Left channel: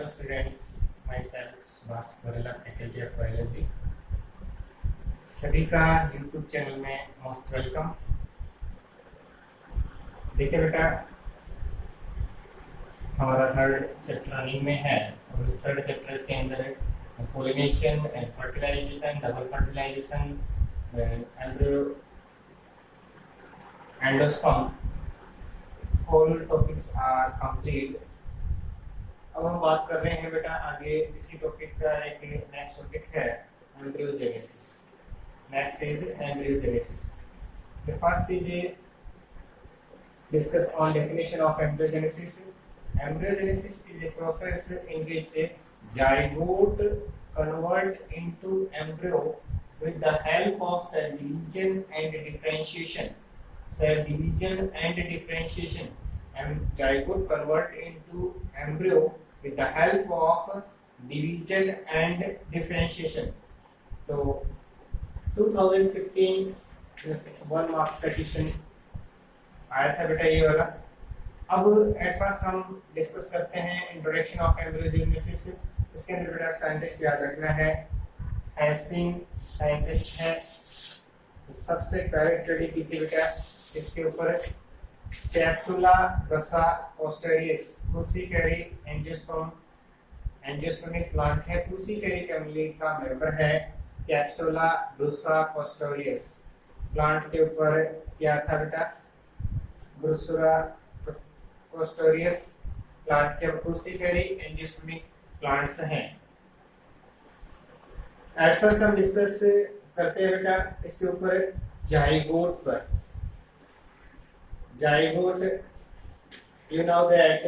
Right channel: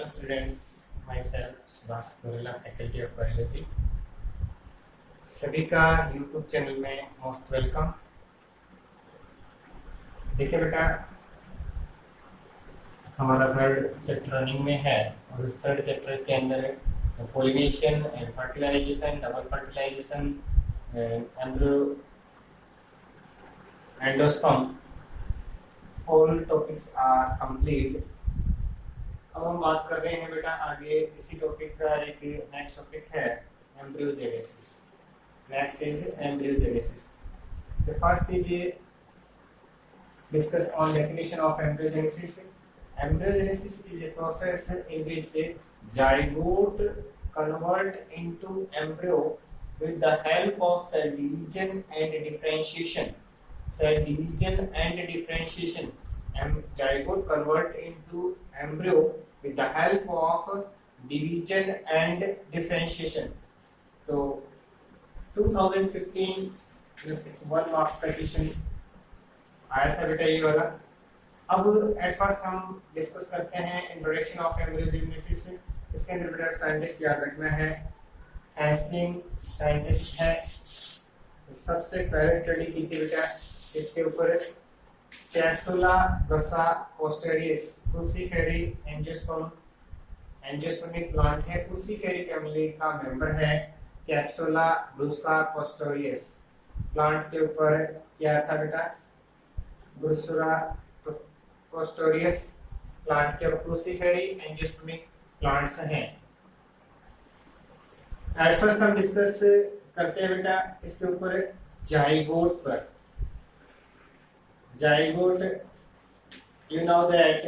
Hello students, myself Subhash Gorela, faculty of biology. सभी का YouTube channel में मोस्ट वेलकम। देखिए बेटा, हमारा थर्ड चैप्टर रनिंग में है और उस थर्ड चैप्टर के अंदर pollination and fertilization, double fertilization, embryo, endosperm, all topics are complete. अब हम बात कर रहे हैं बेटा आगे इसी टॉपिक का एक नेक्स्ट टॉपिक है embryogenesis. Next is embryogenesis. The first is discuss on definition of embryogenesis. Embryogenesis is a process in which zygote convert into embryo with the help of cell division and differentiation. Cell division and differentiation. Zygote convert into embryo with the help of division and differentiation. So 2015 1 marks का question आया था बेटा ये वाला। अब at first हम discuss करते हैं इंट्रोडक्शन ऑफ एम्ब्रियोजेनेसिस। इसके अंदर बेटा साइंटिस्ट याद रखना है, हेस्टिंग साइंटिस्ट है। सबसे पहले स्टडी की थी बेटा इसके ऊपर कैप्सुला ब्रसा पोस्टेरियस, क्रूसीफेरी एंजियोस्पर्मिक प्लांट है, क्रूसीफेरी फैमिली का मेंबर है कैप्सुला ब्रसा पोस्टेरियस। प्लांट के ऊपर क्या था बेटा, ब्रुसुरा पोस्टेरियस प्लांट के क्रूसीफेरी एंजियोस्पर्मिक प्लांट्स हैं। एट फर्स्ट हम डिस्कस करते हैं बेटा इसके ऊपर जाइगोट पर। Zygote, you know that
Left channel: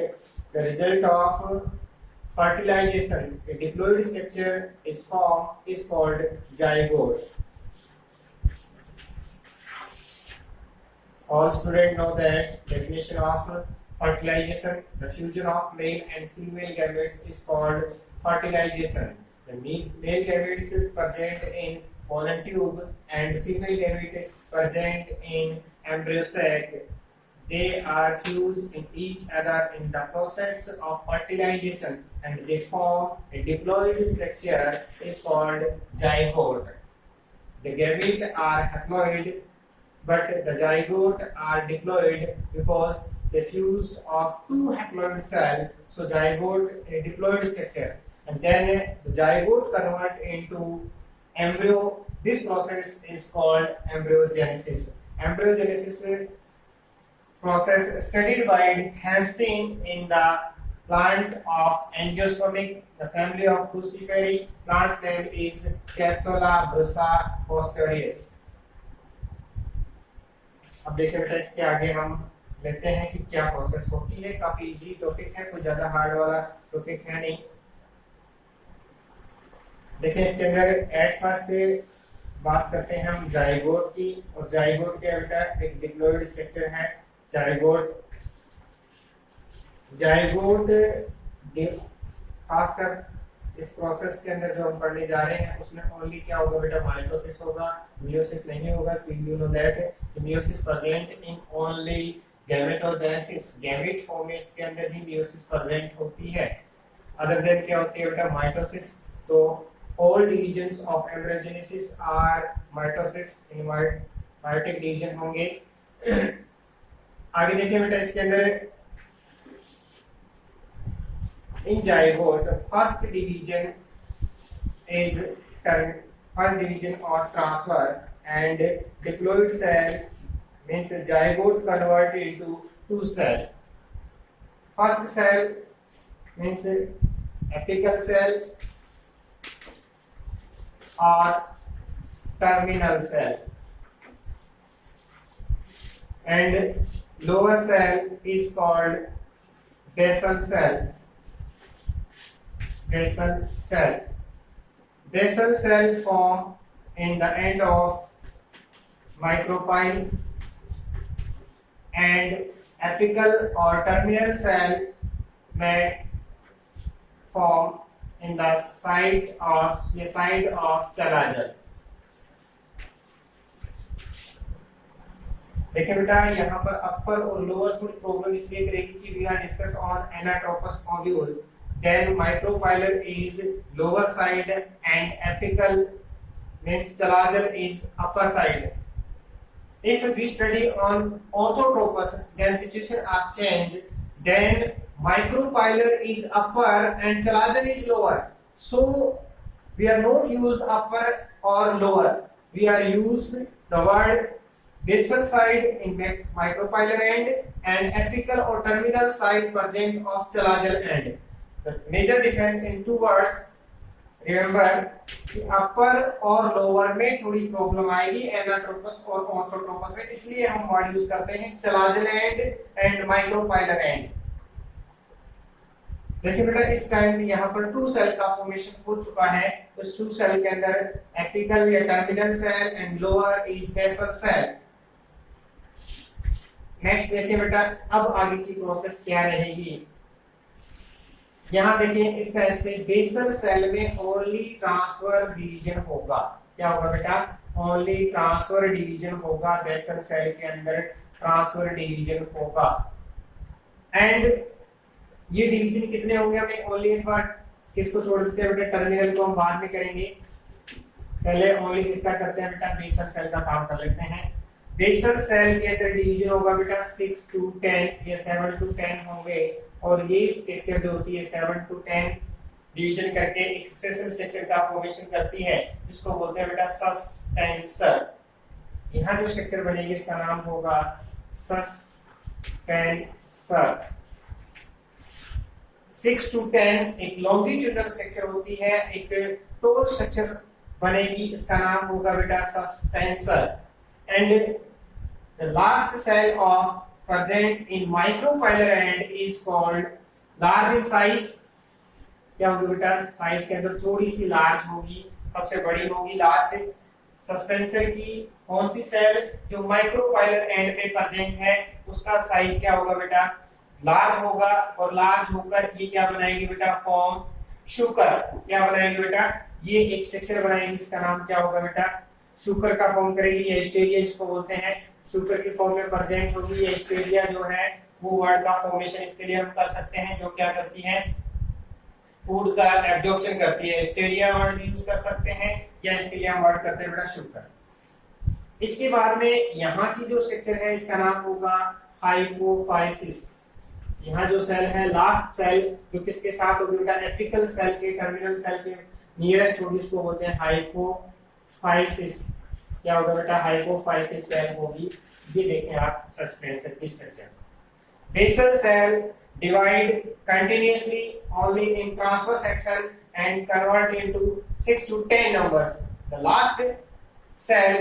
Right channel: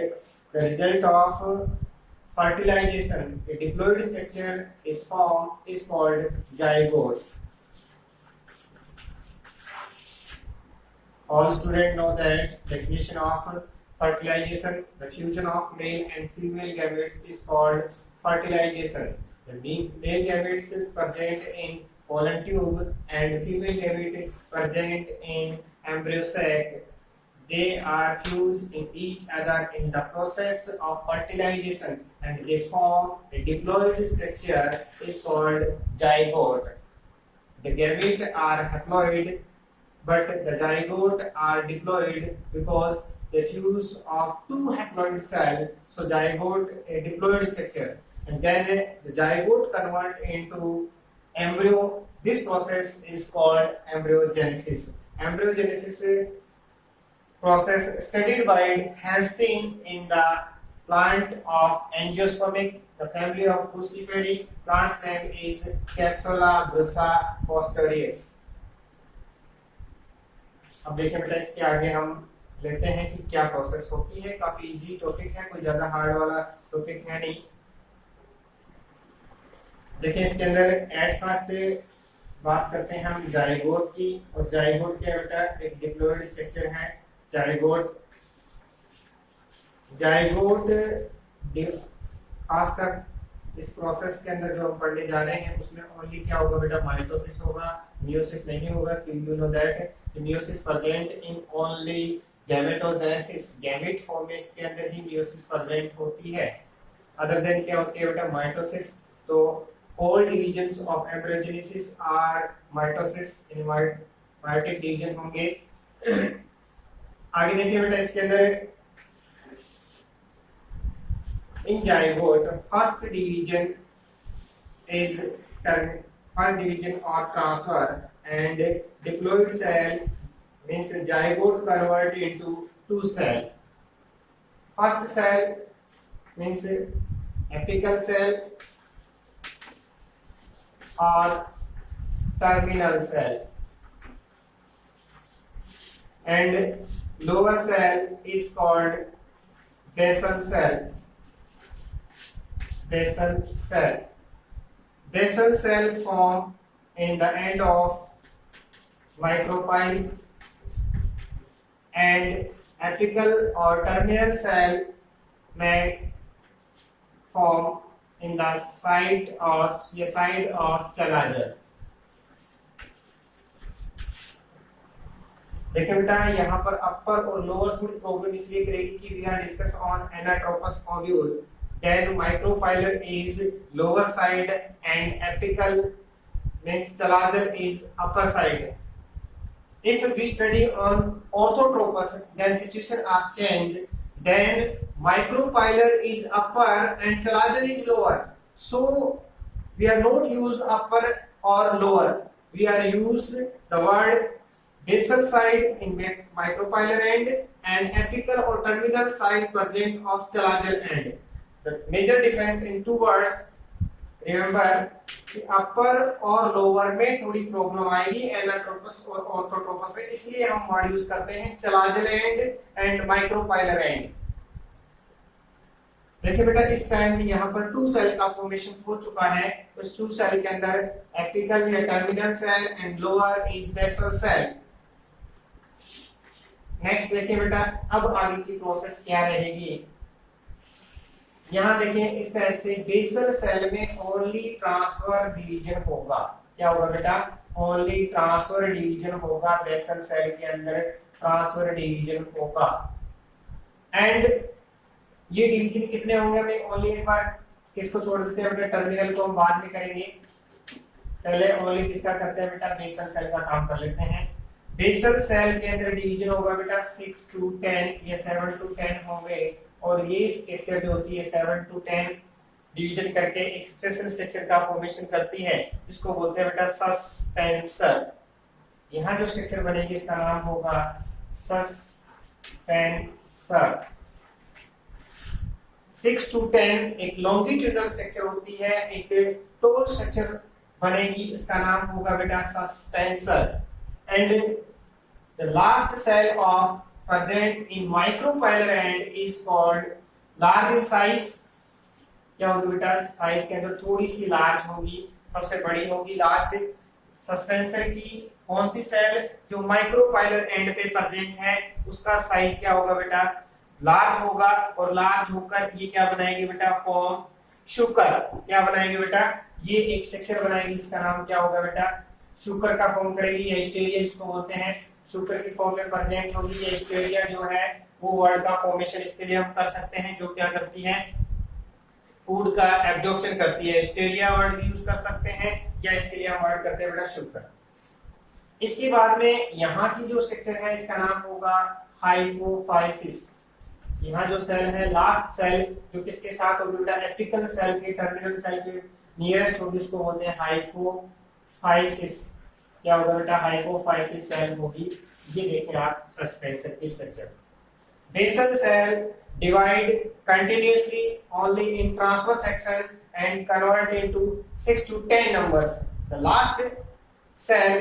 the result of fertilization, a diploid structure is formed is called zygote. All students know that definition of fertilization, the fusion of male and female gametes is called fertilization. The male gametes present in pollen tube and female gamete present in embryo sac. They are fused in each other in the process of fertilization and they form a diploid structure is called zygote. The gametes are haploid but the zygote are diploid because the fuse of two haploid cells, so zygote a diploid structure, and then the zygote convert into embryo. This process is called embryogenesis. Embryogenesis process studied by Hastings in the plant of angiospermic, the family of crucifery plants name is Capsula brusa posterius. अब देखिए बेटा इसके आगे हम लेते हैं कि क्या प्रोसेस होती है। काफी इजी टॉपिक है, कोई ज्यादा हार्ड वाला टॉपिक है नहीं। देखिए इसके अंदर एट फर्स्ट बात करते हैं हम जाइगोट की, और जाइगोट के बेटा एक डिप्लॉइड स्ट्रक्चर है जाइगोट। जाइगोट खासकर इस प्रोसेस के अंदर जो हम पढ़ने जा रहे हैं उसमें ओनली क्या होगा बेटा, माइटोसिस होगा, मियोसिस नहीं होगा। You know that meiosis present in only gametogenesis, gamete formation के अंदर ही मियोसिस प्रेजेंट होती है। अदर देन क्या होती है बेटा, माइटोसिस। तो all divisions of embryogenesis are mitosis, इन मायोटिक डिवीजन होंगे। आगे देखिए बेटा इसके अंदर in zygote first division or transfer and diploid cell means zygote convert into two cell. First cell means apical cell or terminal cell, and lower cell is called basal cell. Basal cell. Basal cell form in the end of micropyle, and apical or terminal cell may form in the side of chalazer. देखिए बेटा यहाँ पर अपर और lower थोड़ी problem इसलिए करेगी कि we are discuss on anatropous ovule. then micropylar is lower side and apical means chalazal is upper side. If we study on orthotropous, then situation are changed. Then micropylar is upper and chalazal is lower. So we are not use upper or lower. We are use the word basal side in micropylar end and apical or terminal side present of chalazal end. The major difference in two words, remember कि अपर और lower में थोड़ी problem आएगी anatropous और orthotropous में, इसलिए हम word use करते हैं chalazal end and micropylar and. देखिए बेटा इस टाइम यहाँ पर टू सेल का फॉर्मेशन हो चुका है। उस टू सेल के अंदर एपिकल या terminal cell and lower is basal cell. Next देखिए बेटा अब आगे की प्रोसेस क्या रहेगी। यहाँ देखिए इस टाइप से बेसल सेल में ओनली ट्रांसफर डिवीजन होगा। क्या होगा बेटा? ओनली ट्रांसफर डिवीजन होगा। बेसल सेल के अंदर ट्रांसफर डिवीजन होगा। एंड ये डिवीजन कितने होंगे हमें ओनली एक बार किसको छोड़ देते हैं बेटा? टर्मिनल को हम बाद में करेंगे, पहले ओनली किसका करते हैं बेटा? बेसल सेल का काम कर लेते हैं। बेसल सेल के अंदर डिवीजन होगा बेटा 6 to 10 या 7 to 10 होंगे और ये स्ट्रक्चर जो होती है 7 to 10 डिवीजन करके एक स्पेशल स्ट्रक्चर का फॉर्मेशन करती है जिसको बोलते हैं बेटा सस्पेंसर। यहाँ जो स्ट्रक्चर बनेगी इसका नाम होगा सस्पेंसर। 6 to 10 एक लॉन्गिट्यूडनल स्ट्रक्चर होती है, एक टोर स्ट्रक्चर बनेगी, इसका नाम होगा बेटा suspensor. And the last cell of present in micropylar end is called large in size। क्या होगी बेटा? साइज के अंदर थोड़ी सी लार्ज होगी, सबसे बड़ी होगी लास्ट सस्पेंसर की। कौन सी सेल? जो माइक्रोपाइलर एंड पे प्रेजेंट है उसका साइज क्या होगा बेटा? लार्ज होगा। और लार्ज होकर ये क्या बनाएगी बेटा? फॉर्म शुकर। क्या बनाएगी बेटा? ये एक स्ट्रक्चर बनाएगी, इसका नाम क्या होगा बेटा? शुकर का फॉर्म करेगी। ये स्टेरिया जिसको बोलते हैं शुगर की फॉर्म में प्रेजेंट होगी। ये स्टेरिया जो है वो वर्ड का फॉर्मेशन इसके लिए हम कर सकते हैं, जो क्या करती है? फूड का एब्जॉर्प्शन करती है। स्टेरिया वर्ड भी यूज कर सकते हैं या इसके लिए हम वर्ड करते हैं बेटा शुगर। इसके बाद में यहाँ की जो स्ट्रक्चर है इसका नाम होगा हाइपोफाइसिस। यहाँ जो सेल है लास्ट सेल जो किसके साथ होगी बेटा? एपिकल सेल के टर्मिनल सेल के नियरेस्ट होगी, उसको बोलते हैं हाइपोफाइसिस। क्या होगा बेटा? हाइपोफाइसिस सेल होगी। ये देखें आप सस्पेंसर की structure. Basal cell divide continuously only in transfer section and convert into 6 to 10 numbers। The last cell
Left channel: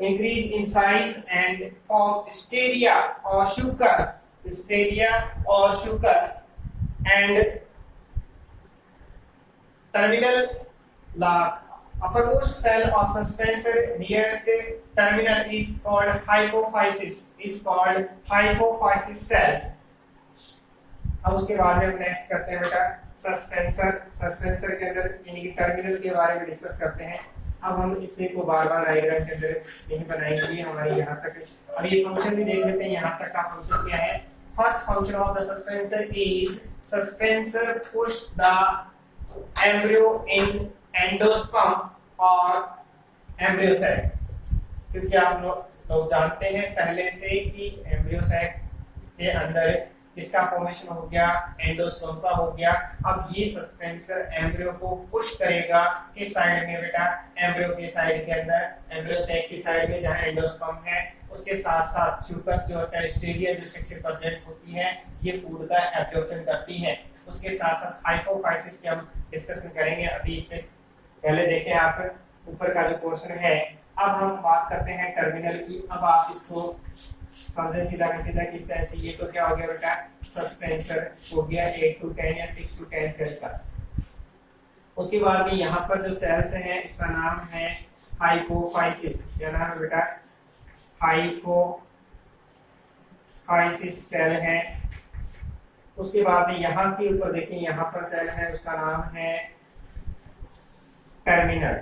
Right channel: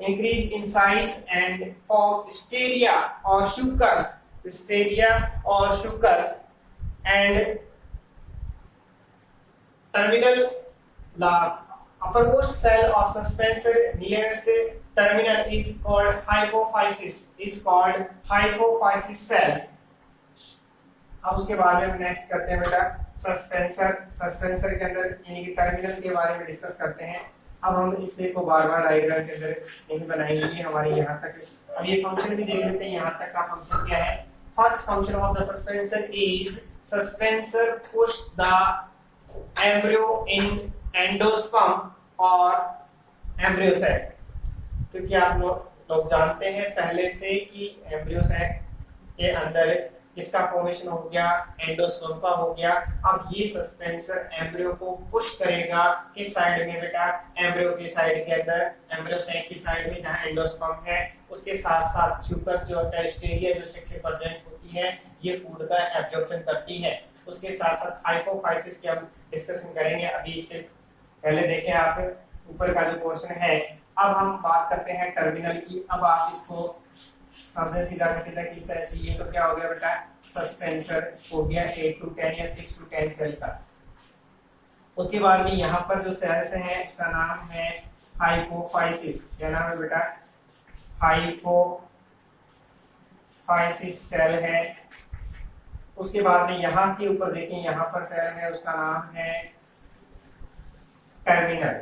increase in size and form स्टेरिया और शुकर्स। स्टेरिया और suckers and terminal uppermost cell of suspensor nearest terminal is called hypophysis cells। अब उसके बाद में next करते हैं बेटा सस्पेंसर के अंदर यानी कि टर्मिनल के बारे में डिस्कस करते हैं। अब हम इससे को बार-बार डायग्राम के अंदर नहीं बनाएंगे। ये हमारे यहाँ तक अब ये फंक्शन भी देख लेते हैं। यहाँ तक का फंक्शन क्या है? First function of the suspensor is suspensor push the embryo in endosperm और एम्ब्रियो सैक। क्योंकि आप लोग जानते हैं पहले से कि एम्ब्रियो सैक के अंदर इसका फॉर्मेशन हो गया, एंडोस्पर्म का हो गया। अब ये सस्पेंसर एम्ब्रियो को पुश करेगा किस साइड में बेटा? एम्ब्रियो की साइड के अंदर, एम्ब्रियो सैक की साइड में जहां एंडोस्पर्म है। उसके साथ साथ शुकर्स जो होता है स्टेरिया जो स्ट्रक्चर प्रेजेंट होती है ये फूड का एब्जॉर्प्शन करती है। उसके साथ साथ हाइपोफाइसिस की हम डिस्कशन करेंगे। अभी इससे पहले देखें आप ऊपर का जो पोर्शन है। अब हम बात करते हैं टर्मिनल की। अब आप इसको समझे सीधा का सीधा किस टाइप से। ये तो क्या हो गया बेटा? सस्पेंसर हो गया 8 to 10 या 6 to 10 सेल का। उसके बाद में यहाँ पर जो सेल्स हैं उसका नाम है हाइपोफाइसिस। क्या नाम है बेटा? हाइपोफाइसिस सेल है। उसके बाद में यहाँ के ऊपर देखें, यहाँ पर सेल है उसका नाम है टर्मिनल।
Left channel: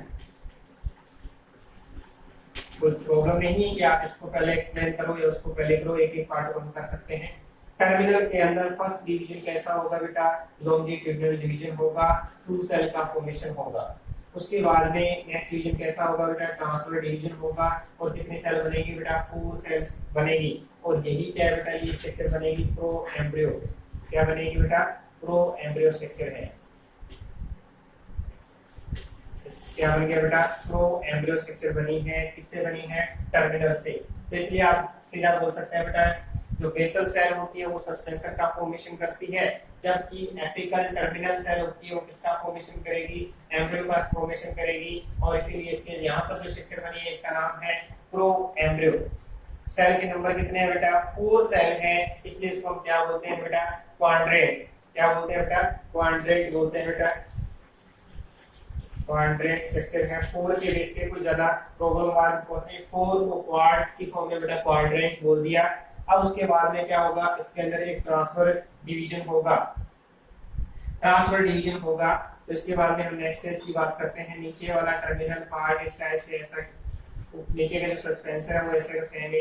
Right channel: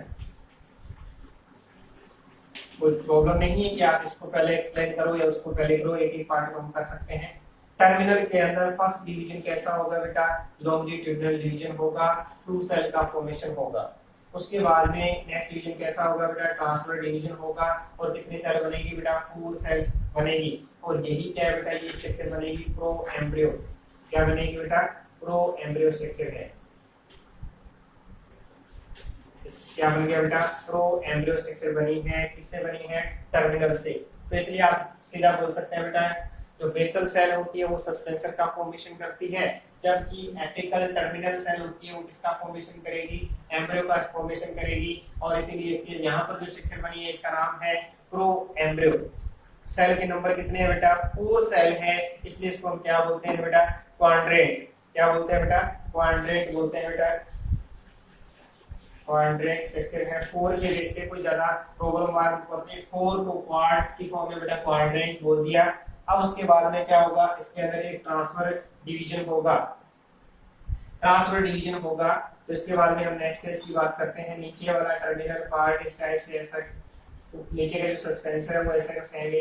कोई प्रॉब्लम नहीं है कि आप इसको पहले एक्सप्लेन करो या उसको पहले करो, एक एक पार्ट को हम कर सकते हैं। टर्मिनल के अंदर फर्स्ट डिवीजन कैसा होगा बेटा, लॉन्गिट्यूडिनल डिवीजन होगा, 2 सेल का फॉर्मेशन होगा। उसके बाद में नेक्स्ट डिवीजन कैसा होगा बेटा, ट्रांसफर डिवीजन होगा, और कितनी सेल बनेगी बेटा, 4 सेल्स बनेगी। और यही क्या है बेटा, ये स्ट्रक्चर बनेगी प्रो एम्ब्रियो। क्या बनेगी बेटा, प्रो एम्ब्रियो स्ट्रक्चर है। क्या बन गया बेटा, प्रो एम्ब्रियो स्ट्रक्चर बनी है, किससे बनी है, टर्मिनल से। तो इसलिए आप सीधा बोल सकते हैं बेटा, जो बेसल सेल होती है वो सस्पेंसर का फॉर्मेशन करती है, जबकि एपिकल टर्मिनल सेल होती है वो किसका फॉर्मेशन करेगी, एम्ब्रियो का फॉर्मेशन करेगी। और इसीलिए इसके यहाँ पर जो स्ट्रक्चर बनी है इसका नाम है प्रो एम्ब्रियो। सेल के नंबर कितने हैं बेटा, 4 सेल है, इसलिए इसको हम क्या बोलते हैं बेटा, क्वाड्रेंट। क्या बोलते हैं बेटा, क्वाड्रेंट बोलते हैं बेटा। क्वाड्रेंट स्ट्रक्चर है, 4 के बेस पे कोई ज्यादा प्रॉब्लम वाला नहीं, 4 को क्वाड की फॉर्म में बेटा क्वाड्रेंट बोल दिया। अब उसके बाद में क्या होगा, इसके अंदर एक ट्रांसफर डिवीजन होगा, ट्रांसफर डिवीजन होगा। तो इसके बाद में हम नेक्स्ट स्टेज की बात करते हैं। नीचे वाला टर्मिनल पार्ट इस टाइप से ऐसा, नीचे का जो सस्पेंसर है वो ऐसा का सेम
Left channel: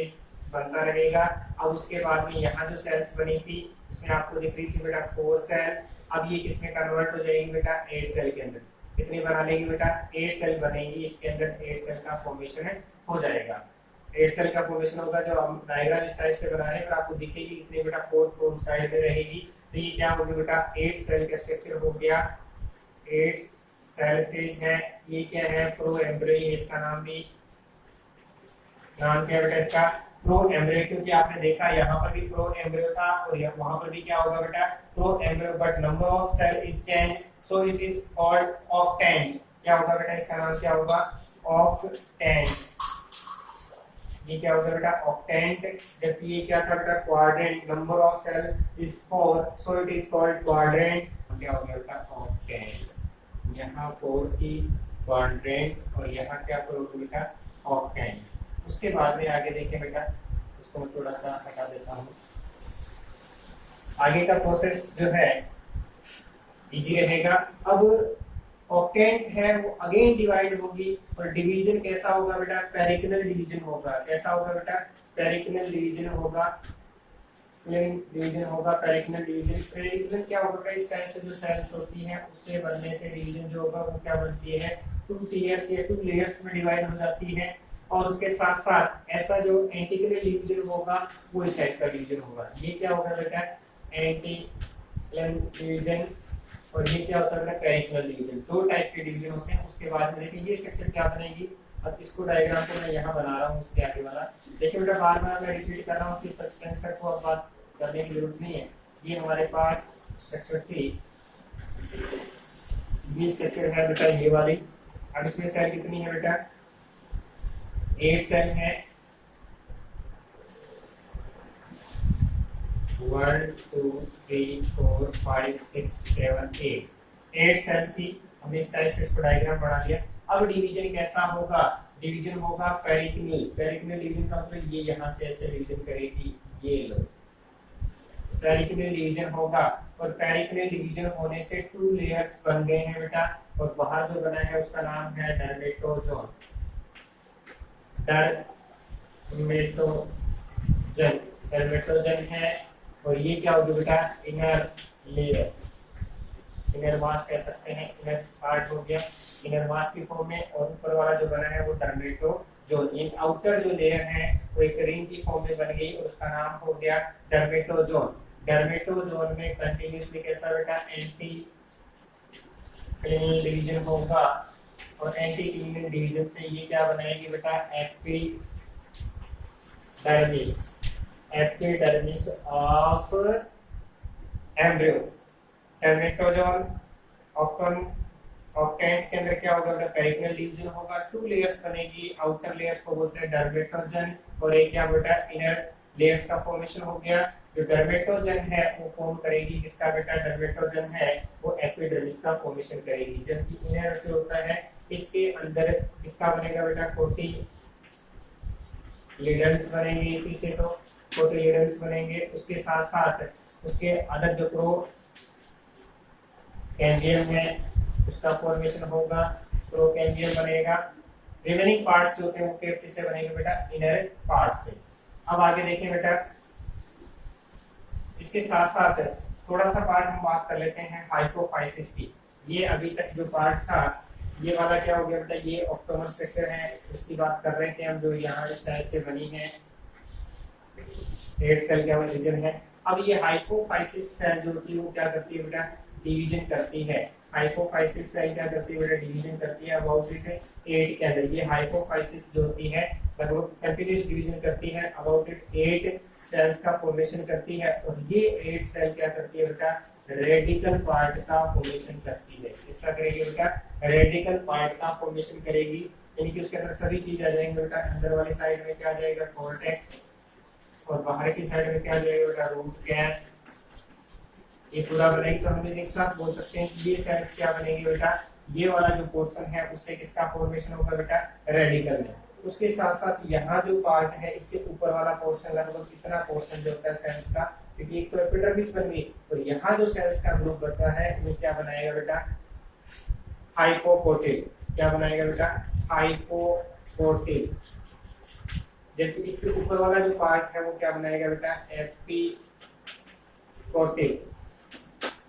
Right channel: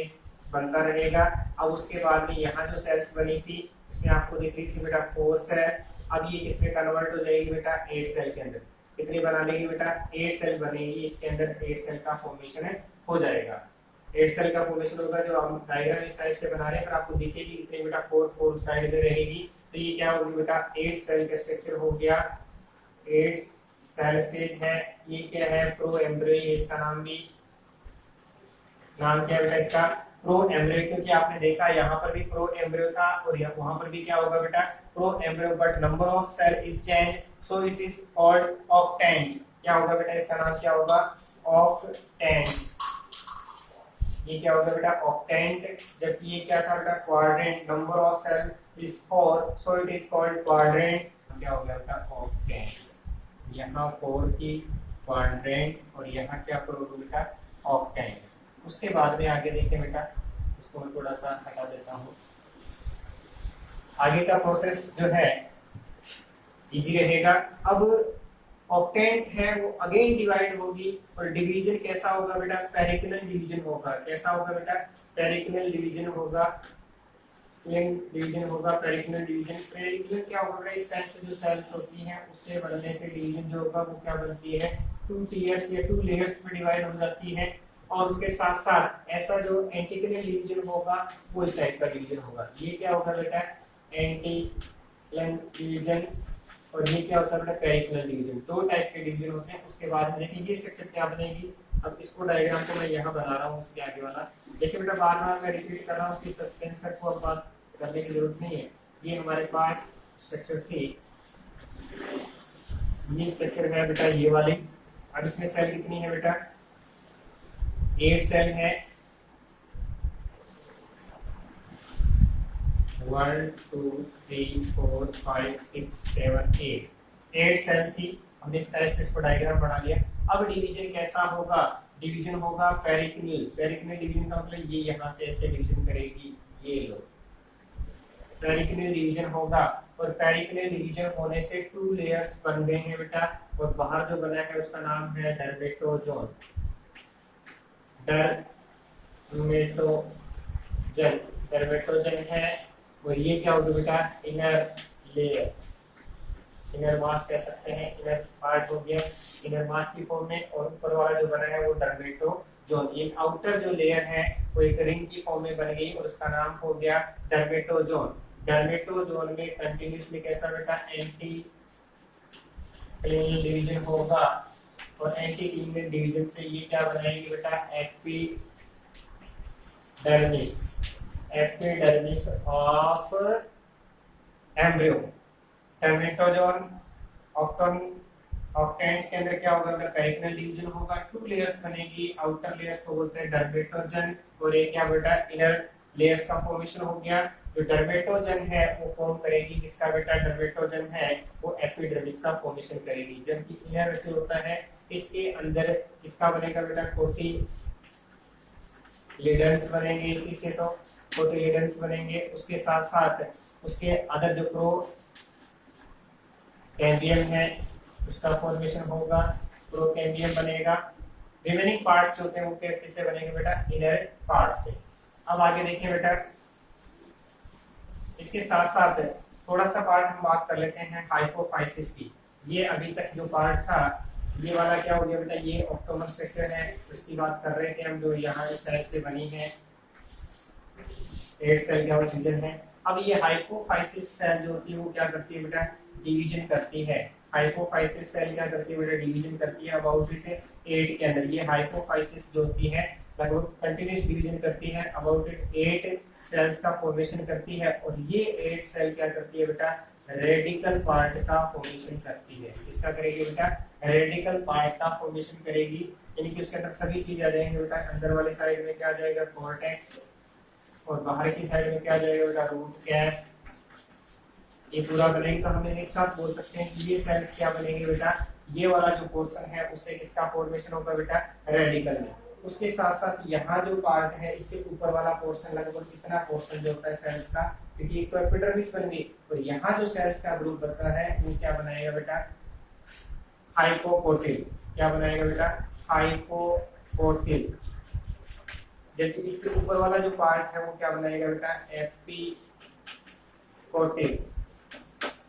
बनता रहेगा। अब उसके बाद में यहाँ जो सेल्स बनी थी इसमें आपको दिख रही थी बेटा 4 सेल, अब ये किसमें कन्वर्ट हो जाएगी बेटा, 8 सेल के अंदर। कितनी बना लेगी बेटा, 8 सेल बनेगी, इसके अंदर 8 सेल का फॉर्मेशन हो जाएगा। 8 सेल का फॉर्मेशन होगा, जो हम डायग्राम इस टाइप से बना रहे हैं, पर आपको दिखेगी कितनी बेटा, 4 साइड में रहेगी। तो ये क्या होगी बेटा, 8 सेल का स्ट्रक्चर हो गया, 8 सेल स्टेज है। ये क्या है, प्रो एम्ब्रियो, इसका नाम भी, नाम क्या है बेटा इसका, प्रो एम्ब्रियो, क्योंकि आपने देखा यहाँ पर भी प्रो एम्ब्रियो था और वहां पर भी क्या होगा बेटा, pro embryo, but number of cell is change, so it is called octant. क्या होगा बेटा, इसका नाम क्या होगा, ऑक्टेंट। ये क्या होगा बेटा, ऑक्टेंट। जबकि ये क्या था बेटा, quadrant, number of cell is 4, so it is called quadrant. क्या होगा बेटा, ऑक्टेंट। यहाँ 4 की क्वाड्रेंट और यहाँ क्या करोगे बेटा, ऑक्टेंट। उसके बाद में आगे देखें बेटा, इसको मैं थोड़ा सा हटा देता हूँ। आगे का प्रोसेस जो है इजी रहेगा। अब ऑक्टेंट है वो अगेन डिवाइड होगी, और डिवीजन कैसा होगा बेटा, पेरिकिनल डिवीजन होगा। कैसा होगा बेटा, पेरिकिनल डिवीजन होगा, डिवीजन होगा, पेरिकिनल डिवीजन। पेरिकिनल क्या होगा बेटा, इस टाइप से जो सेल्स होती हैं उससे बनने से डिवीजन जो होगा वो क्या बनती है, 2 टीयर्स या 2 लेयर्स में डिवाइड हो जाती है। और उसके साथ साथ ऐसा जो एंटिक्युलर डिवीजन होगा वो इस टाइप का डिवीजन होगा। ये क्या होगा बेटा, एंटिक्युलर डिवीजन, और ये क्या होता है बेटा, पेरिकिनल डिवीजन। 2 टाइप के डिवीजन होते हैं। उसके बाद में देखिए ये स्ट्रक्चर क्या बनेगी। अब इसको डायग्राम को मैं यहाँ बना रहा हूँ, उसके आगे वाला देखिए बेटा, बार बार मैं रिपीट कर रहा हूँ कि सस्पेंसर को अब बात करने की जरूरत नहीं है। ये हमारे पास स्ट्रक्चर थी, ये स्ट्रक्चर है बेटा ये वाली। अब इसमें सेल कितनी है बेटा, 8 सेल है, 1 2 3 4 5 6 7 8 सेल थी। हमने इस टाइप से इसको डायग्राम बना लिया। अब डिवीजन कैसा होगा, डिवीजन होगा पेरिकिनल। पेरिकिनल डिवीजन का मतलब ये यहाँ से ऐसे डिवीजन करेगी, ये लो, पेरिकिनल डिवीजन होगा। और पेरिकिनल डिवीजन होने से 2 लेयर्स बन गए हैं बेटा, और बाहर जो बना है उसका नाम है डर्मेटोजोन। डर्मेटोजन, डर्मेटोजन है। और ये क्या होगा बेटा, इनर लेयर, इनर मास कह सकते हैं, इनर पार्ट हो गया इनर मास की फॉर्म में। और ऊपर वाला जो बना है वो डर्मेटोजोन। ये आउटर जो लेयर है वो एक रिंग की फॉर्म में बन गई और उसका नाम हो गया डर्मेटोजोन। डर्मेटोजोन में कंटिन्यूसली कैसा बेटा, एंटी क्लिनल डिवीजन होगा, और एंटी क्लिनल डिवीजन से ये क्या बनाएगी बेटा, epidermis, epidermis of embryo. Dermatogen, octant के अंदर क्या होगा बेटा, पेरिकिनल डिवीजन होगा, 2 लेयर्स बनेगी। आउटर लेयर्स को बोलते हैं डर्मेटोजन, और एक क्या बेटा, इनर लेयर्स का फॉर्मेशन हो गया। जो डर्मेटोजन है वो फॉर्म करेगी किसका बेटा, डर्मेटोजन है वो एपिडर्मिस का फॉर्मेशन करेगी। जबकि इनर जो होता है इसके अंदर इसका बनेगा बेटा कोटिलिडन्स बनेंगे, इसी से तो कोटिलिडन्स बनेंगे। उसके साथ साथ उसके अदर जो प्रो कैम्बियम है उसका फॉर्मेशन होगा, प्रोकैम्बियम बनेगा। रिमेनिंग पार्ट्स जो होते हैं वो किससे बनेंगे बेटा, इनर पार्ट से। अब आगे देखिए बेटा, इसके साथ साथ थोड़ा सा पार्ट हम बात कर लेते हैं हाइपोफाइसिस की। ये अभी तक जो पार्ट था ये वाला क्या हो गया बेटा, ये ऑक्टोनल स्ट्रक्चर है, उसकी बात कर रहे थे हम, जो यहाँ इस टाइप से बनी है, 8 सेल का रीजन है। अब ये हाइपोफाइसिस सेल जो होती है वो क्या करती है बेटा, डिवीजन करती है। हाइपोफाइसिस सेल क्या करती है बेटा, डिवीजन करती है अबाउट इट 8 के अंदर। ये हाइपोफाइसिस जो होती है लगभग कंटिन्यूस डिवीजन करती है, अबाउट इट 8 सेल्स का फॉर्मेशन करती है। और ये 8 सेल क्या करती है बेटा, रेडिकल पार्ट का फॉर्मेशन करती है। इसका करेगी बेटा, रेडिकल पार्ट का फॉर्मेशन करेगी, यानी कि उसके अंदर सभी चीज आ जाएंगे बेटा। अंदर वाली साइड में क्या आ जाएगा, कॉर्टेक्स, और बाहर की साइड में क्या आ जाएगा बेटा, रूट कैप। ये पूरा बनेगा, तो हम एक साथ बोल सकते हैं कि ये सेल्स क्या बनेंगे बेटा, ये वाला जो पोर्शन है उससे किसका फॉर्मेशन होगा बेटा, रेडिकल में। उसके साथ साथ यहाँ जो पार्ट है इससे ऊपर वाला पोर्शन, लगभग कितना पोर्शन जो होता है सेल्स का, क्योंकि एक तो एपिडर्मिस बन गई, और यहाँ जो सेल्स का ग्रुप बचा है वो क्या बनाएगा बेटा, हाइपोकोटिल। क्या बनाएगा बेटा, हाइपोकोटिल। जबकि इसके ऊपर वाला जो पार्ट है वो क्या बनाएगा बेटा, एपिकोटिल।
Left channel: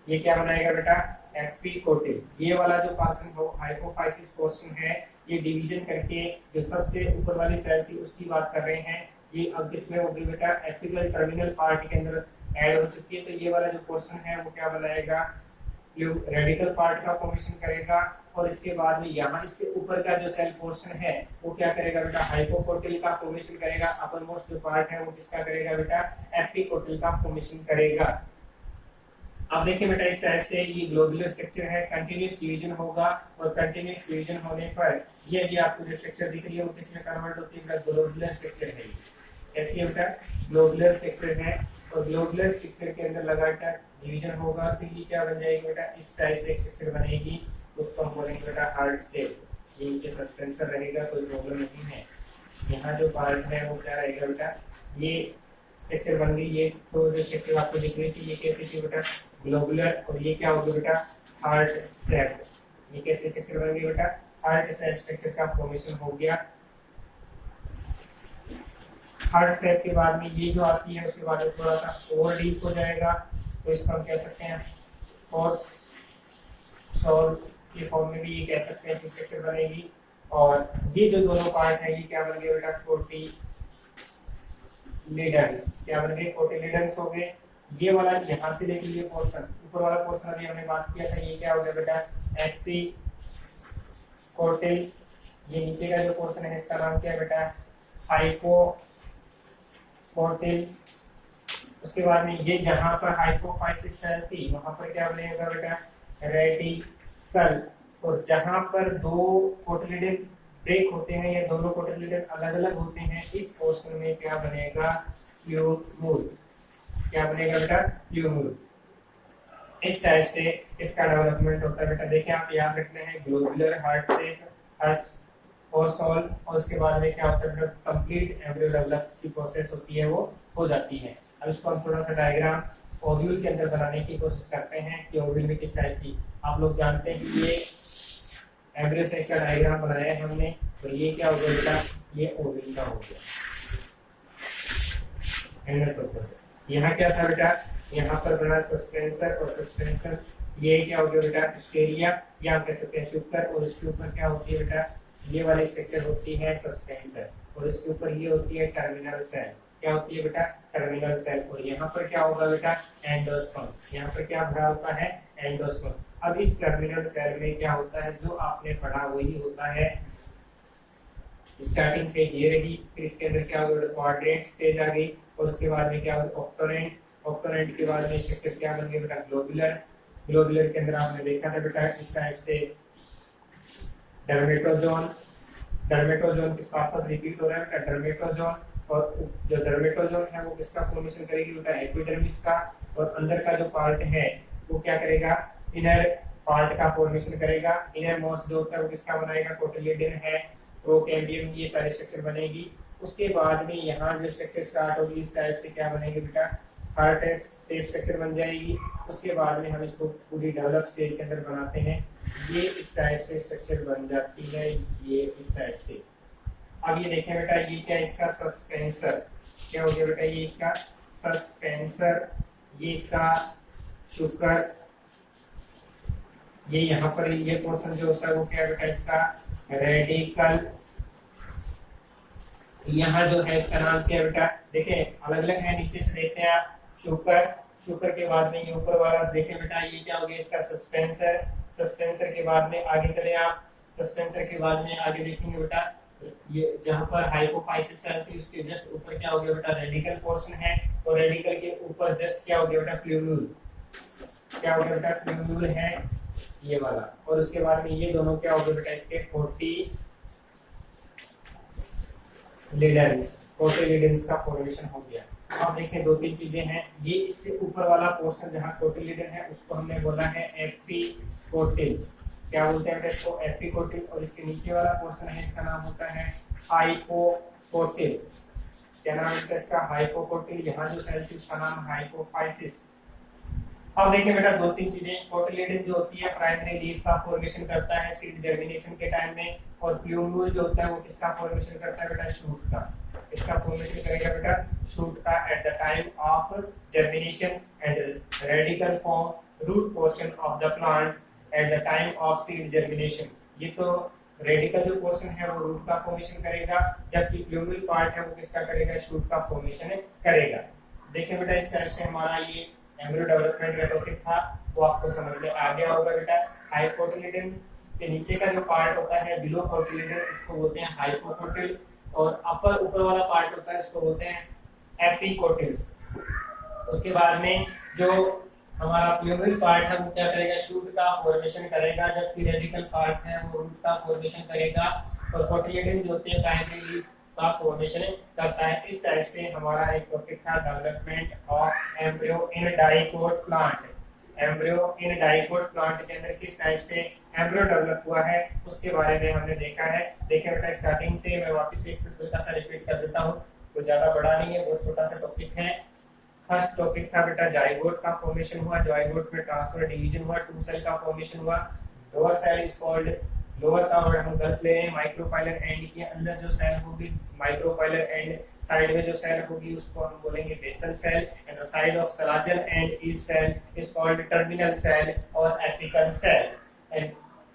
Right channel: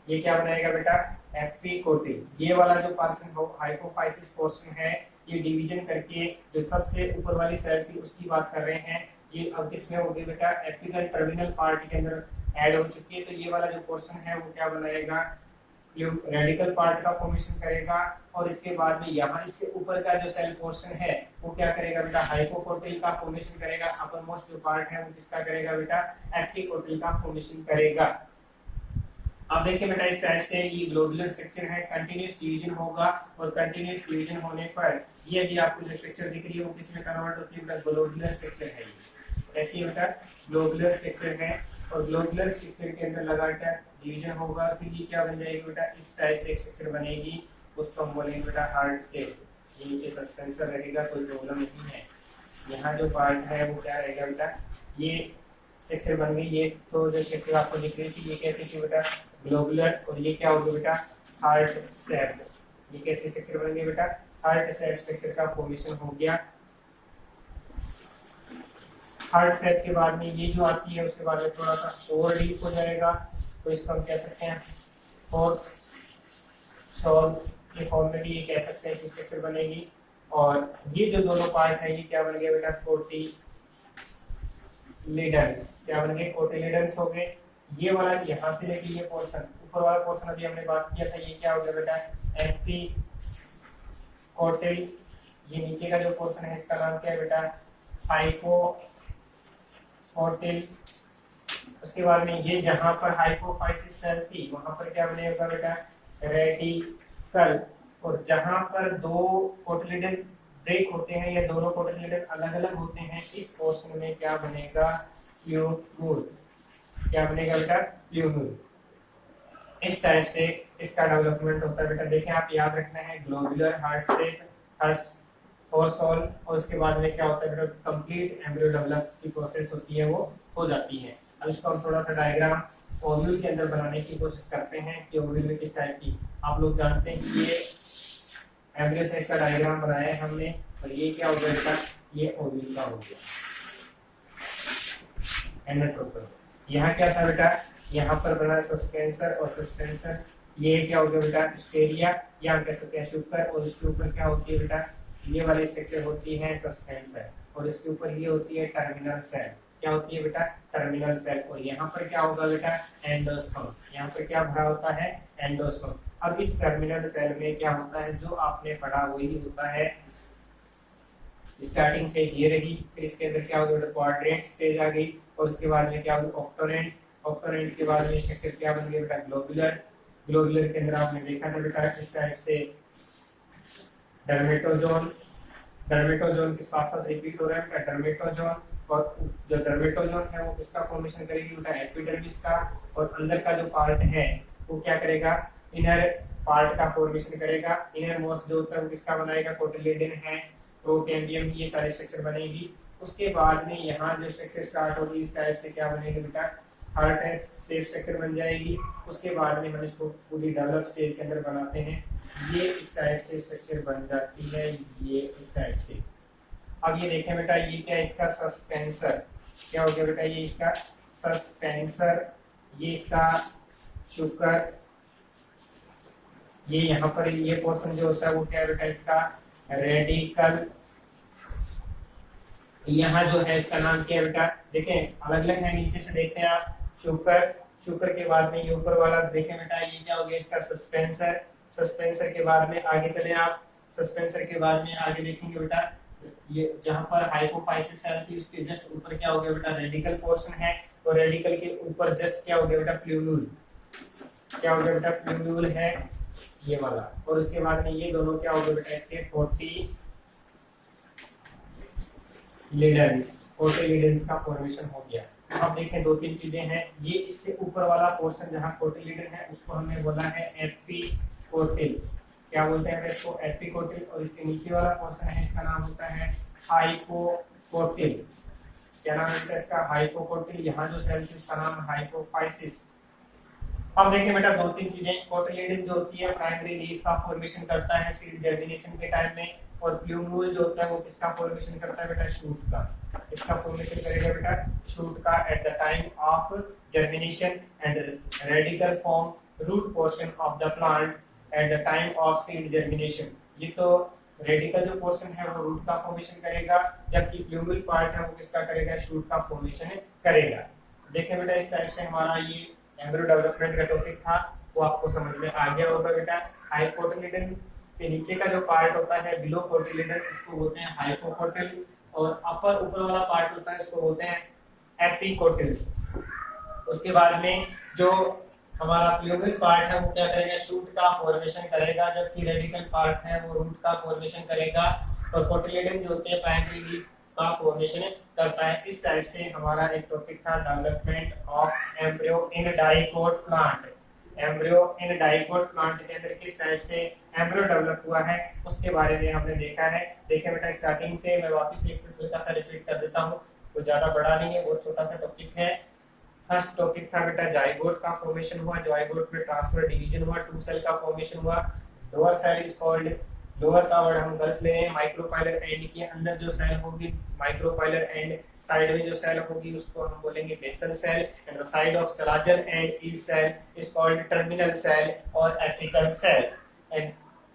ये क्या बनाएगा बेटा, एपिकोटिल। ये वाला जो पोर्शन हो, हाइपोफाइसिस पोर्शन है, ये डिवीजन करके जो सबसे ऊपर वाली सेल थी उसकी बात कर रहे हैं, ये अब किसमें होगी बेटा, एपिकल टर्मिनल पार्ट के अंदर ऐड हो चुकी है। तो ये वाला जो पोर्शन है वो क्या बनाएगा, रेडिकल पार्ट का फॉर्मेशन करेगा। और इसके बाद में यहाँ इससे ऊपर का जो सेल पोर्शन है वो क्या करेगा बेटा, हाइपोकोटिल का फॉर्मेशन करेगा। अपर मोस्ट जो पार्ट है वो किसका करेगा बेटा, एपिकोटिल का फॉर्मेशन करेगा। अब देखिए बेटा, इस टाइप से ये ग्लोबुलर स्ट्रक्चर है, कंटिन्यूस डिवीजन होगा, और कंटिन्यूस डिवीजन होने पर ये भी आपको जो स्ट्रक्चर दिख रही है वो किसमें कन्वर्ट होती है बेटा, ग्लोबुलर स्ट्रक्चर है। ये ऐसी है बेटा, ग्लोबुलर स्ट्रक्चर है, और ग्लोबुलर स्ट्रक्चर के अंदर लगातार डिवीजन होगा, फिर ये क्या बन जाएगी बेटा, इस टाइप से एक स्ट्रक्चर बनेगी, उसको हम बोलेंगे बेटा हार्ट शेप। ये नीचे सस्पेंसर रहेगा, कोई प्रॉब्लम नहीं है। यहाँ जो पार्ट है वो क्या रहेगा बेटा, ये स्ट्रक्चर बन गई। ये तो जो स्ट्रक्चर आपको दिख रही थी ये कैसी थी बेटा, ग्लोबुलर, और ये क्या होगा बेटा, हार्ट शेप। ये कैसे स्ट्रक्चर बन गई बेटा, हार्ट शेप स्ट्रक्चर का फॉर्मेशन हो गया। हार्ट शेप के बाद में ये जो आती है उसके बाद में थोड़ा सा और डीप हो जाएगा, तो इसको हम कह सकते हैं फोर्स शॉल के फॉर्म में भी ये कह सकते हैं कि स्ट्रक्चर बनेगी। और ये जो दोनों पार्ट है ये क्या बन गए बेटा, कोटिलिडन्स। क्या बन गए, कोटिलिडन्स हो गए। ये वाला यहाँ से लेके ये पोर्शन, ऊपर वाला पोर्शन अभी हमने बात किया था, ये क्या हो गया बेटा, एपिकोटिल। ये नीचे का जो पोर्शन है इसका नाम क्या है बेटा, हाइपोकोटिल। उसके बाद में ये जहां पर हाइपोफाइसिस सेल थी वहां पर क्या बनेगा बेटा, रेडिकल। और जहां पर दो कोटिलिडन ब्रेक होते हैं या दोनों कोटिलिडन अलग अलग होते हैं, इस पोर्शन में क्या बनेगा, फ्लूमूल। क्या बनेगा बेटा, फ्लूमूल। इस टाइप से इसका डेवलपमेंट होता है बेटा। देखिए आप याद रखना है, ग्लोबुलर हार्ट शेप, हार्ट और सॉल, और उसके बाद में क्या होता है बेटा, कंप्लीट एम्ब्रियो डेवलप की प्रोसेस होती है वो हो जाती है। अब इसको हम थोड़ा सा डायग्राम ओव्यूल के अंदर बनाने की कोशिश करते हैं कि ओव्यूल में किस टाइप की, आप लोग जानते हैं कि ये एम्ब्रियो सेल का डायग्राम बनाया है हमने, और ये क्या हो गया बेटा, ये ओव्यूल का हो गया। एंडोट्रोपस। यहाँ क्या था बेटा, यहाँ पर बना सस्पेंसर, और सस्पेंसर ये क्या हो गया बेटा, स्टेरिया, या हम कह सकते हैं शुक्र। और इसके ऊपर क्या होती है बेटा, ये वाली स्ट्रक्चर होती है सस्पेंसर, और इसके ऊपर ये होती है टर्मिनल सेल। क्या होती है बेटा, टर्मिनल सेल। और यहाँ पर क्या होगा बेटा, एंडोस्पर्म। यहाँ पर क्या भरा होता है, एंडोस्पर्म। अब इस टर्मिनल सेल में क्या होता है, जो आपने पढ़ा वही होता है। स्टार्टिंग फेज ये रही, फिर इसके अंदर क्या होगा, क्वाड्रेंट स्टेज आ गई, और उसके बाद में क्या होगा, ऑक्टोनेंट। ऑक्टोनेंट के बाद में स्ट्रक्चर क्या बन गया बेटा, ग्लोबुलर। ग्लोबुलर के अंदर आपने देखा था बेटा इस टाइप से डर्मेटोजोन। डर्मेटोजोन के साथ साथ रिपीट हो रहा है बेटा, डर्मेटोजोन। और जो डर्मेटोजोन है वो किसका फॉर्मेशन करेगी बेटा, एपिडर्मिस का। और अंदर का जो पार्ट है वो क्या करेगा, इनर पार्ट का फॉर्मेशन करेगा। इनर मोस्ट जो होता है वो किसका बनाएगा, कोटिलिडन है, प्रोकैम्बियम, ये सारे स्ट्रक्चर बनेगी। उसके बाद में यहाँ जो स्ट्रक्चर स्टार्ट होगी इस टाइप से क्या बनेगी बेटा, हार्ट शेप स्ट्रक्चर बन जाएगी। उसके बाद में हम इसको पूरी डेवलप स्टेज के अंदर बनाते हैं, ये इस टाइप से स्ट्रक्चर बन जाती है, ये इस टाइप से। अब ये देखें बेटा, ये क्या है, इसका सस्पेंसर। क्या हो गया बेटा, ये इसका सस्पेंसर ये इसका शुक्र, ये यहाँ पर ये पोर्शन जो होता है वो क्या है बेटा, इसका रेडिकल। यहाँ जो है इसका नाम क्या है बेटा, देखें अलग अलग है, नीचे से देखते हैं आप, शुक्र, शुक्र के बाद में ये ऊपर वाला देखें बेटा, ये क्या हो गया इसका सस्पेंसर, सस्पेंसर के बाद में आगे चले आप, सस्पेंसर के बाद में आगे देखेंगे बेटा, ये जहां पर हाइपोफाइसिस सेल थी उसके जस्ट ऊपर क्या हो गया बेटा, रेडिकल पोर्शन है, और रेडिकल के ऊपर जस्ट क्या हो गया बेटा, प्लूम्यूल, क्या हो गया बेटा, प्लूम्यूल है ये वाला, और उसके बाद में ये दोनों क्या हो गए बेटा, इसके कोटिलिडन्स का फॉर्मेशन हो गया। अब देखें दो तीन चीजें हैं, ये इससे ऊपर वाला पोर्शन जहां कोटिलिडन है उसको हमने बोला है एपिकोटिल, क्या बोलते हैं बेटा इसको, एपिकोटिल, और इसके नीचे वाला पोर्शन है इसका नाम होता है हाइपोकोटिल, क्या नाम है इसका, हाइपोकोटिल। यहाँ जो सेल थी उसका नाम हाइपोफाइसिस। अब देखिए बेटा दो तीन चीजें, कोटिलिडन जो होती है प्राइमरी लीफ का फॉर्मेशन करता है सीड जर्मिनेशन के टाइम में, और प्लूम्यूल जो होता है वो किसका फॉर्मेशन करता है बेटा, शूट का, इसका फॉर्मेशन करेगा बेटा शूट का at the time of germination, and radical form root portion of the plant at the time of seed germination. ये तो रेडिकल जो पोर्शन है वो रूट का फॉर्मेशन करेगा, जबकि प्लूम्यूल पार्ट है वो किसका करेगा, शूट का फॉर्मेशन करेगा। देखिए बेटा इस टाइप से हमारा ये एम्ब्रियो डेवलपमेंट का टॉपिक था, वो आपको समझ में आ गया होगा बेटा। हाइपोकोटिलिडन के नीचे का जो पार्ट होता है बिलो कोटिलिडन, इसको बोलते हैं हाइपोकोटिल, और अपर ऊपर वाला पार्ट होता है इसको बोलते हैं एपिकोटिल्स। उसके बाद में जो हमारा प्लूम्यूल पार्ट है वो क्या करेगा, शूट का फॉर्मेशन करेगा, जबकि रेडिकल पार्ट है वो रूट का फॉर्मेशन करेगा, और कोटिलिडन जो होते हैं प्राइमरी लीफ का फॉर्मेशन करता है। इस टाइप से हमारा एक टॉपिक था development of embryo in dicot plant. Embryo in dicot plant के अंदर किस टाइप से एम्ब्रियो डेवलप हुआ है उसके बारे में हमने देखा है। देखिए बेटा स्टार्टिंग से मैं वापस एक हल्का सा रिपीट कर देता हूँ, वो ज्यादा बड़ा नहीं है, बहुत छोटा सा टॉपिक है। फर्स्ट टॉपिक था बेटा जाइगोट का फॉर्मेशन हुआ, जाइगोट में ट्रांसफर डिवीजन हुआ, टू सेल का फॉर्मेशन हुआ, lower cell is called, lower का वर्ड हम गलत ले रहे हैं, माइक्रोपाइलर एंड के अंदर जो सेल होगी, माइक्रोपाइलर एंड साइड में जो सेल होगी उसको हम बोलेंगे basal cell, and the side of chalazal end is cell is called terminal cell और एपिकल सेल। एंड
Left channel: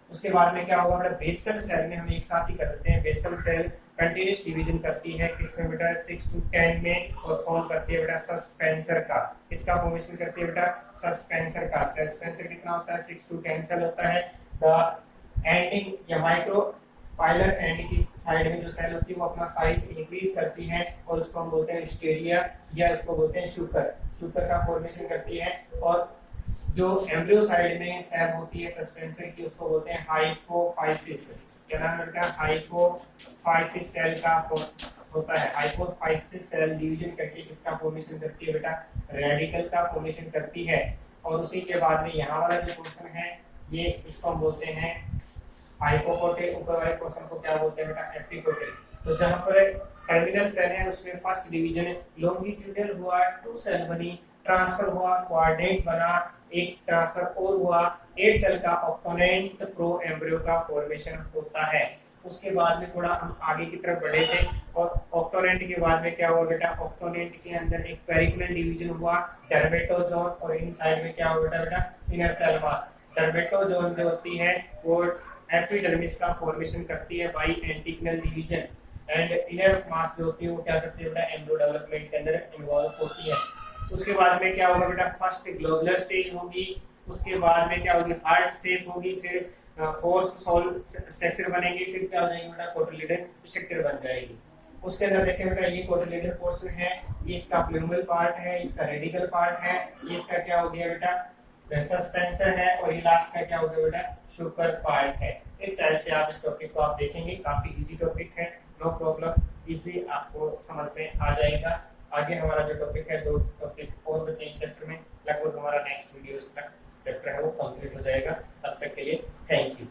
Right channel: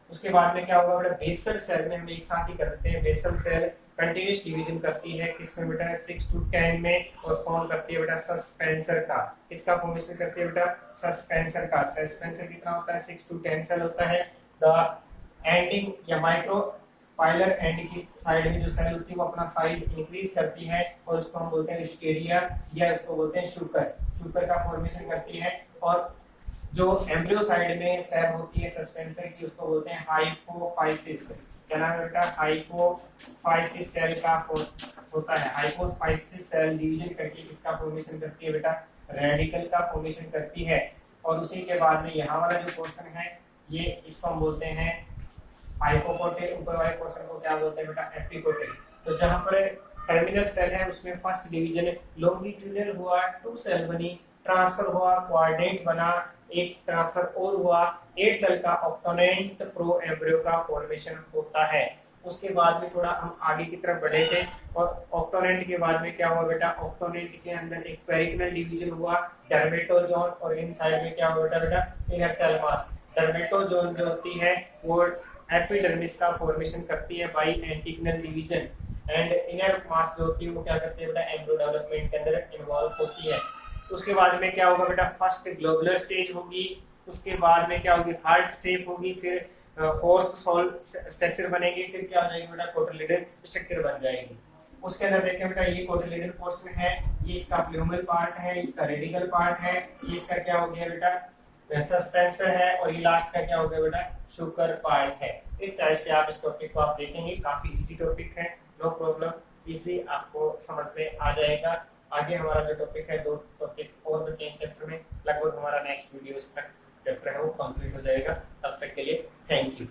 उसके बाद में क्या होगा बेटा, बेसल सेल में हम एक साथ ही कर देते हैं, बेसल सेल कंटिन्यूस डिवीजन करती है किसमें बेटा, 6 to 10 में, और फॉर्म करती है बेटा सस्पेंसर का, किसका फॉर्मेशन करती है बेटा, सस्पेंसर का। सस्पेंसर कितना होता है, 6 to 10 सेल होता है। द एंडिंग या माइक्रो पाइलर एंड की साइड में जो सेल होती है वो अपना साइज इंक्रीज करती है, और उसको हम बोलते हैं स्टेरिया, या उसको बोलते हैं शुकर, शुकर का फॉर्मेशन करती है। और जो एम्ब्रियो साइड में सेल होती है सस्पेंसर की उसको बोलते हैं हाइपोफाइसिस, क्या नाम है बेटा, हाइपोफाइसिस सेल का होता है। हाइपोफाइसिस सेल डिवीजन करके किसका फॉर्मेशन करती है बेटा, रेडिकल का फॉर्मेशन करती है। और उसी के बाद में यहाँ वाला जो पोर्शन है ये इसको हम बोलते हैं हाइपोकोटिल, ऊपर वाले पोर्शन को क्या बोलते हैं बेटा, एपिकोटिल। तो जहां पर टर्मिनल सेल है उसमें फर्स्ट डिवीजन लॉन्गिट्यूडिनल हुआ, 2 सेल बनी, ट्रांसफर हुआ, क्वाड्रेंट बना, एक ट्रांसफर और हुआ, 8 सेल का ऑक्टोनेंट प्रो एम्ब्रियो का फॉर्मेशन होता है। उसके बाद में थोड़ा हम आगे की तरफ बढ़े थे, और ऑक्टोनेंट के बाद में क्या हुआ बेटा, ऑक्टोनेंट के अंदर एक पेरिकनल डिवीजन हुआ, डर्मेटोजोन, और इन साइड में क्या हुआ बेटा, इनर सेल मास। डर्मेटोजोन जो होती है वो एपिडर्मिस का फॉर्मेशन करती है by anticlinal division, and inner mass जो होती है वो क्या करती है बेटा, एम्ब्रियो डेवलपमेंट के अंदर इन्वॉल्व होती है। उसके बाद में क्या होगा बेटा, फर्स्ट ग्लोबुलर स्टेज होगी, उसके बाद में क्या होगी, हार्ट स्टेप होगी, फिर फोर्स सोल स्ट्रक्चर बनेगी, फिर क्या हो जाएगी बेटा, कोटिलिडन स्ट्रक्चर बन जाएगी। उसके अंदर देखें बेटा ये कोटिलिडन पोर्शन है, ये इसका प्लूमल पार्ट है, इसका रेडिकल पार्ट है, ये इसका क्या हो गया बेटा, सस्पेंसर है, और ये लास्ट का क्या हो गया बेटा, शुकर पार्ट है। इस टाइप से आप इस टॉपिक को आप देखेंगे, काफी इजी टॉपिक है, नो प्रॉब्लम, इजी आपको समझ में आ जाएगा। आगे हमारा जो टॉपिक है 2 टॉपिक और बचे इस चैप्टर में, लगभग हमारा नेक्स्ट वीडियो तक चैप्टर है वो कंप्लीट हो जाएगा। तब तक के लिए थैंक यू।